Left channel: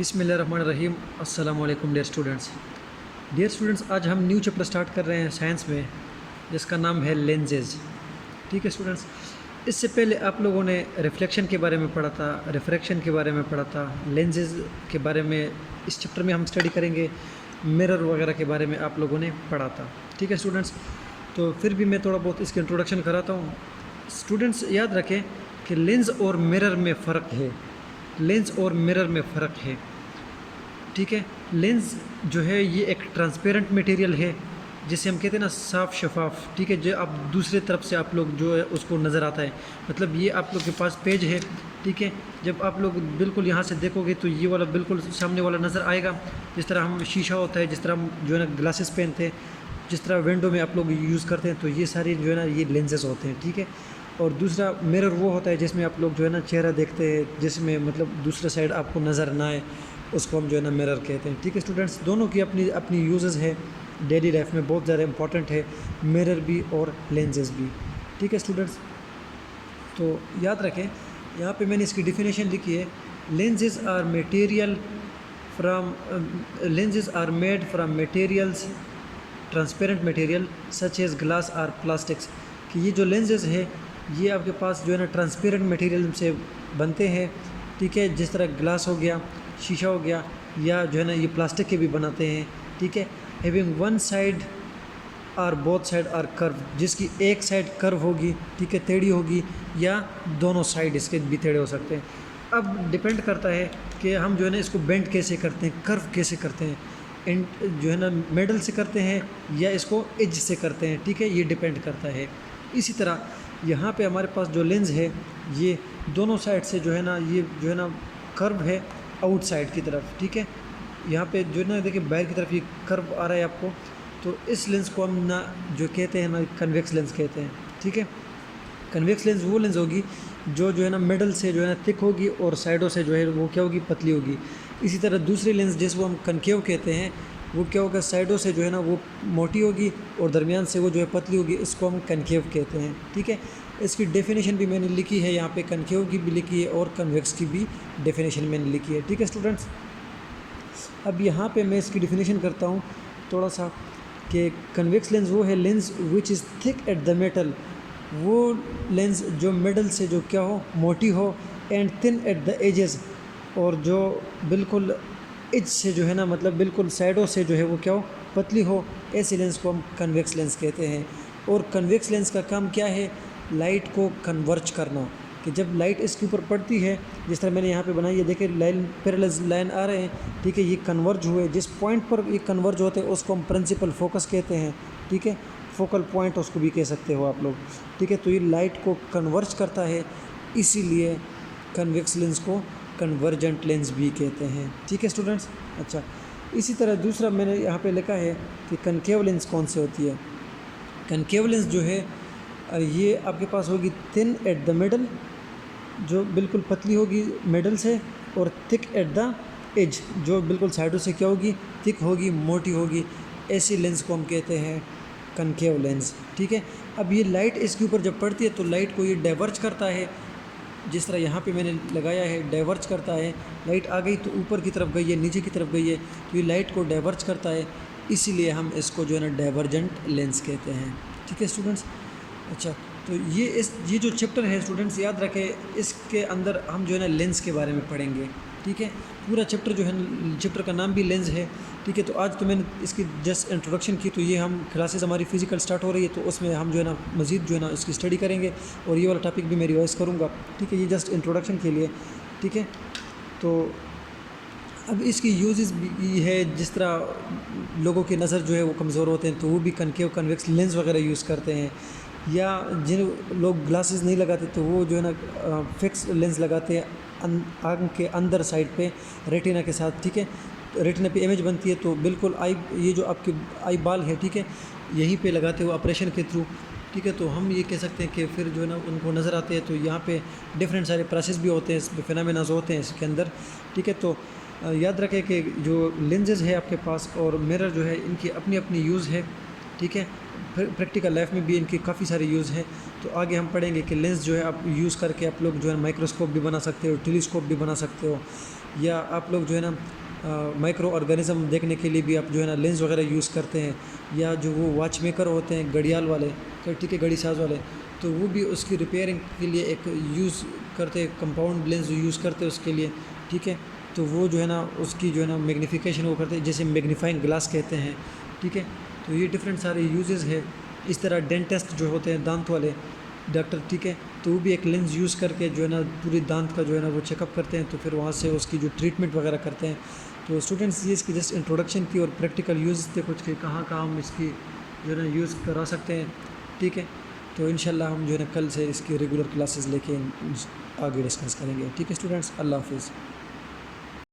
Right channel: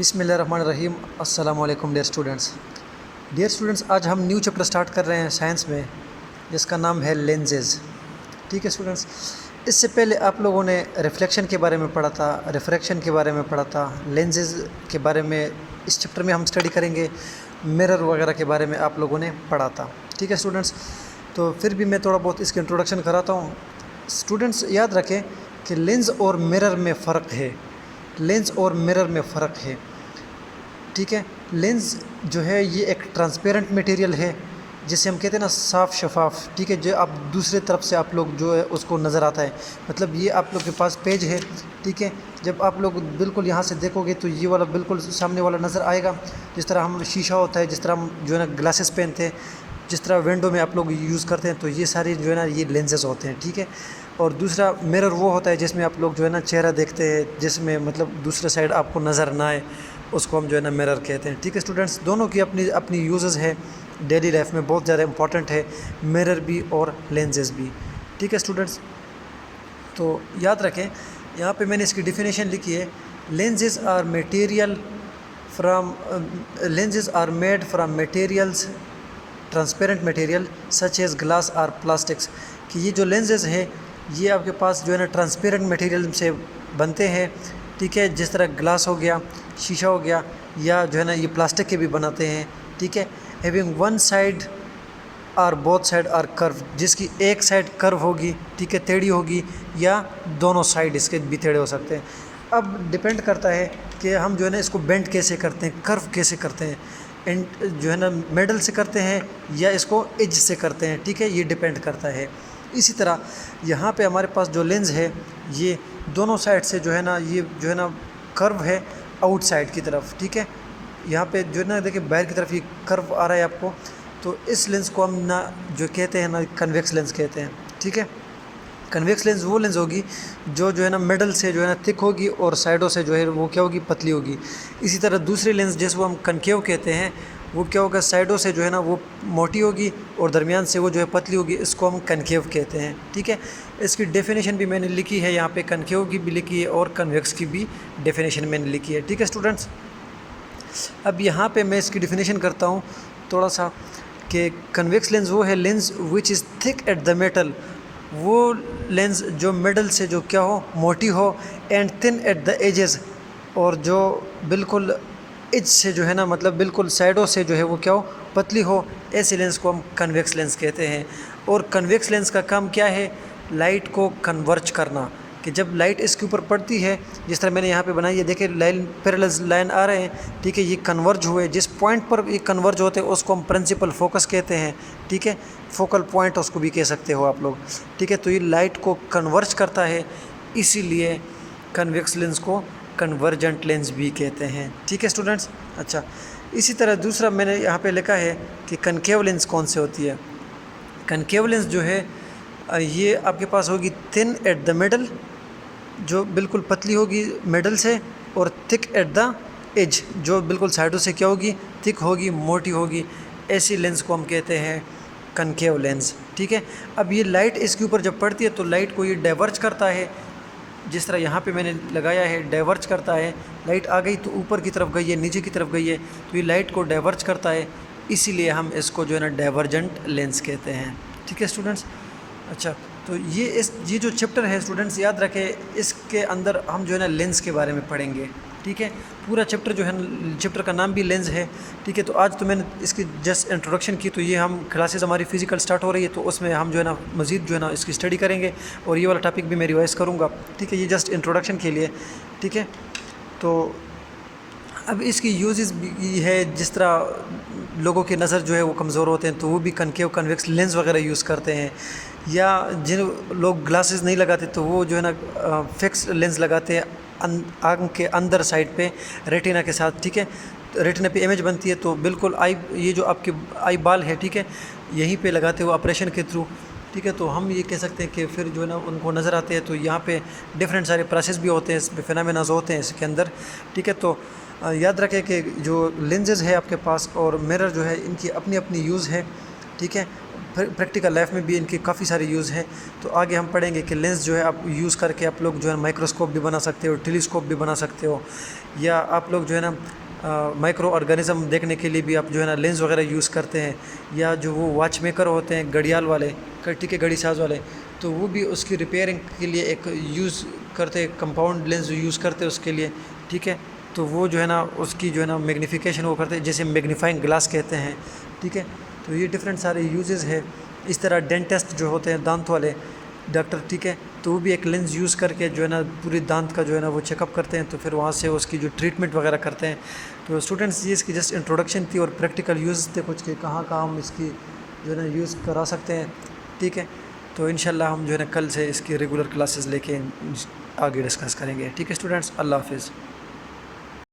بسم اللہ الرحمن الرحیم۔ السلام علیکم ڈیئر اسٹوڈنٹس، آج ہم نیو چیپٹر سٹارٹ کر رہے ہیں سائنس میں، جس کا نام ہے لینزز۔ ٹھیک ہے اسٹوڈنٹس، اس سے پہلے آپ لوگوں نے ریفلیکشن کے بارے میں پڑھا تھا، ریفریکشن کے بارے میں پڑھا تھا، لینزز کے بارے میں اس چیپٹر میں ہم اسٹڈی کریں گے، مرر وغیرہ کے بارے میں آپ لوگوں نے پڑھا تھا۔ ٹھیک ہے اسٹوڈنٹس، تو پھر بھی میں تھوڑا بہت اس کی انٹروڈکشن کراتا ہوں۔ اسٹوڈنٹس یاد رکھیں کہ لینز اور مرر میں فرق ہے، لینز اور مرر میں فرق ہے۔ ٹھیک ہے، لینز جو ہے یہ ایک ٹرانسپیرنٹ میٹیریل ہے، جسے ہم کہتے ہیں نا صاف شفاف۔ ٹھیک ہے، جو آپ دوسرے طرف سے آپ لوگ جو ہے اس کو نظر آتا ہے، مطلب یہ آپ لوگ کے پاس پیج ہے۔ ٹھیک ہے، جب آپ لوگ بالکل یہاں سے دیکھو گے تو یہ والا بالکل سامنے والا نظر آئے گا، جس طرح ہم شیشہ ہوتا ہے، جس طرح ہم جو ہے نا گلاسز پہنتے ہیں، جس طرح ونڈو میں آپ لوگ یوز کرتے ہیں، تو یہ ساری جو ہے نا یہ لینزز ہوتے ہیں۔ ٹھیک ہے، اور دوسرا مرر وہ ہوتا ہے جس میں آپ لوگ جو ہے نا چہرہ دیکھتے ہیں، جس میں مطلب دوسرے سائڈ آپ کو نظر نہ آئے، اس کو ہم جو ہے نا مرر کہتے ہیں۔ ٹھیک ہے اسٹوڈنٹس، دونوں کی اپنی یوزز ہے، ڈیلی لائف میں بہت زیادہ امپورٹنٹ ہے، مرر بھی اور لینزز بھی۔ ٹھیک ہے اسٹوڈنٹس، تو یاد رکھیں یہاں پہ میں نے اس کی ڈیفینیشن لکھی ہے، lenses are made from materials transparent material such as glass اور پلاسٹکس، کہ یہ جو لینزز ہے یہ آپ کے پاس جو ہے نا ٹرانسپیرنٹ میٹیریل سے بنتے ہیں۔ ٹھیک ہے، جس طرح گلاس ہو گیا، شیشہ ہو گیا، یا جو ہے نا یہ پلاسٹک کے بھی بناتے ہیں۔ ٹھیک ہے، ہیونگ ون سائڈ اور بوتھ سائڈ اور کرو، جس کی ایک سائڈ کرو ہوگی، ٹھیک ہے ٹیڑھی ہوگی، یا دونوں سائڈ اس کے بھی ٹیڑھے ہو سکتے ہیں۔ اب ڈپینڈ کرتا ہے کہ ہم جو ہے نا اس کو بینڈ کیسے کرتے ہیں، کرو کیسے کرتے ہیں، جو ہے نا میڈل سے کرتے ہیں یا اس کو ایج سے کرتے ہیں۔ ٹھیک ہے، یہ ڈپینڈ کرتا ہے۔ اسی طرح یہاں پہ ہمارے پاس جو لینز ہے یہ دونوں سائڈ سے جو ہے نا یہ جو ہے نا کرو ہے آؤٹ سائڈ کی طرف۔ ٹھیک ہے، یہاں پہ جو ہے نا دیکھیں باہر کی طرف یہ کرو آ رہا ہے آپ کو، تو اس لینز کو ہم نا جو کہتے ہیں نا کنویکس لینز کہتے ہیں۔ ٹھیک ہے، کنویکس لینز وہ لینز ہوگی جو ہے نا مڈل سے جو ہے نا تھک ہوگی اور سائڈوں سے جو ہے وہ کیا ہوگی، پتلی ہوگی۔ اسی طرح دوسری لینز جس کو ہم کنکیو کہتے ہیں، وہ کیا ہوگا، سائڈوں سے جو ہے نا وہ موٹی ہوگی اور درمیان سے وہ جو ہے پتلی ہوگی، اس کو ہم کنکیو کہتے ہیں۔ ٹھیک ہے، اس کی ڈیفینیشن بھی میں نے لکھی ہے یہاں پہ، کنکیو کی بھی لکھی ہے اور کنویکس کی بھی ڈیفینیشن میں نے لکھی ہے۔ ٹھیک ہے اسٹوڈنٹس، اب یہاں پہ میں اس کی ڈیفینیشن کرتا ہوں تھوڑا سا، کہ کنویکس لینز وہ ہے lens which is thick at the metal, وہ لینز جو مڈل سے جو کیا ہو، موٹی ہو، and thin at the edges, اور جو بالکل ایج سے جو ہے نا مطلب بالکل سائڈوں سے جو ہے وہ کیا ہو، پتلی ہو، ایسے لینز کو ہم کنویکس لینز کہتے ہیں۔ اور کنویکس لینز کا کام کیا ہے، لائٹ کو کنورج کرنا، کہ جب لائٹ اس کے اوپر پڑتی ہے، جس طرح میں نے یہاں پہ بنائی ہے، دیکھیں لائن پیرلز لائن آ رہے ہیں۔ ٹھیک ہے، یہ کنورج ہوئے، جس پوائنٹ پر یہ کنورج ہوتے ہیں اس کو ہم پرنسپل فوکس کہتے ہیں۔ ٹھیک ہے، فوکل پوائنٹ اس کو بھی کہہ سکتے ہو آپ لوگ۔ ٹھیک ہے، تو یہ لائٹ کو کنورج کرتا ہے، اسی لیے کنویکس لینز کو کنورجنٹ لینز بھی کہتے ہیں۔ ٹھیک ہے اسٹوڈنٹس، اچھا اسی طرح دوسرا میں نے یہاں پہ لکھا ہے کہ کنکیو لینز کون سے ہوتی ہے۔ کنکیو لینز جو ہے یہ آپ کے پاس ہوگی تھن ایٹ دا مڈل، جو بالکل پتلی ہوگی مڈل سے، اور تھک ایٹ دا ایج، جو بالکل سائڈوں سے کیا ہوگی، تھک ہوگی، موٹی ہوگی، ایسی لینز کو ہم کہتے ہیں کنکیو لینز۔ ٹھیک ہے، اب یہ لائٹ اس کے اوپر جب پڑتی ہے تو لائٹ کو یہ ڈائیورج کرتا ہے، جس طرح یہاں پہ میں نے لگایا ہے ڈائیورج کرتا ہے، لائٹ آ گئی تو اوپر کی طرف گئی ہے، نیچے کی طرف گئی ہے، تو یہ لائٹ کو ڈائیورج کرتا ہے، اسی لیے ہم اس کو جو ہے نا ڈائیورجنٹ لینز کہتے ہیں۔ ٹھیک ہے اسٹوڈنٹس، اچھا تو یہ جو چیپٹر ہے اسٹوڈنٹس یاد رکھیں، اس کے اندر ہم جو ہے نا لینز کے بارے میں پڑھیں گے۔ ٹھیک ہے، پورا چیپٹر جو ہے چیپٹر کا نام بھی لینز ہے۔ ٹھیک ہے، تو آج تو میں نے اس کی جسٹ انٹروڈکشن کی، تو یہ ہم کلاسز ہماری فزیکل سٹارٹ ہو رہی ہے، تو اس میں ہم جو ہے نا مزید جو ہے نا اس کی اسٹڈی کریں گے، اور یہ والا ٹاپک بھی میں ریوائز کروں گا۔ ٹھیک ہے، یہ جسٹ انٹروڈکشن کے لیے۔ ٹھیک ہے، تو اب اس کی یوزز بھی ہے، جس طرح لوگوں کے نظر جو ہے وہ کمزور ہوتے ہیں تو وہ بھی کنکیو کنویکس لینز وغیرہ یوز کرتے ہیں، یا جن لوگ گلاسز نہیں لگاتے تو وہ جو ہے نا فکس لینز لگاتے ہیں آنکھ کے اندر سائڈ پہ ریٹینا کے ساتھ۔ ٹھیک ہے، ریٹینا پہ امیج بنتی ہے، تو بالکل یہ جو آپ کے آئی بال ہے، ٹھیک ہے، یہیں پہ لگاتے ہو آپریشن کے تھرو۔ ٹھیک ہے، تو ہم یہ کہہ سکتے ہیں کہ پھر جو ہے نا ان کو نظر آتے ہیں، تو یہاں پہ ڈفرینٹ سارے پروسیس بھی ہوتے ہیں، اس پہ فینامیناز ہوتے ہیں اس کے اندر۔ ٹھیک ہے، تو یاد رکھیں کہ جو لینزز ہے آپ کے پاس اور مرر جو ہے، ان کی اپنی اپنی یوز ہے۔ ٹھیک ہے، پریکٹیکل لائف میں بھی ان کی کافی سارے یوز ہیں. تو آگے ہم پڑھیں گے کہ لینس جو ہے آپ یوز کر کے آپ لوگ جو ہے مائکروسکوپ بھی بنا سکتے ہو, ٹیلیسکوپ بھی بنا سکتے ہو, یا آپ لوگ جو ہے نا مائکرو آرگینزم دیکھنے کے لیے بھی آپ جو ہے نا لینس وغیرہ یوز کرتے ہیں, یا جو وہ واچ میکر ہوتے ہیں گھڑیال والے, ٹھیک ہے, گھڑی ساز والے, تو وہ بھی اس کی ریپیئرنگ کے لیے ایک یوز کرتے, کمپاؤنڈ لینس یوز کرتے اس کے لیے, ٹھیک ہے. تو وہ جو ہے نا اس کی جو ہے نا میگنیفیکیشن وہ کرتے ہیں, جیسے میگنیفائنگ گلاس کہتے ہیں, ٹھیک ہے. تو یہ ڈفرینٹ سارے یوزز ہے. اس طرح ڈینٹسٹ جو ہوتے ہیں دانت والے ڈاکٹر, ٹھیک ہے, تو وہ بھی ایک لینس یوز کر کے جو ہے نا پوری دانت کا جو ہے نا وہ چیک اپ کرتے ہیں, تو پھر وہاں سے اس کی جو ٹریٹمنٹ وغیرہ کرتے ہیں. تو اسٹوڈنٹس یہ اس کی جسٹ انٹروڈکشن تھی, اور پریکٹیکل یوز تھے کچھ کہ کہاں کہاں ہم اس کی جو ہے نا یوز کرا سکتے ہیں, ٹھیک ہے. تو انشاءاللہ ہم جو ہے نا کل سے اس کی ریگولر کلاسز لے کے آگے ڈسکس کریں گے, ٹھیک ہے اسٹوڈنٹس. اللہ حافظ.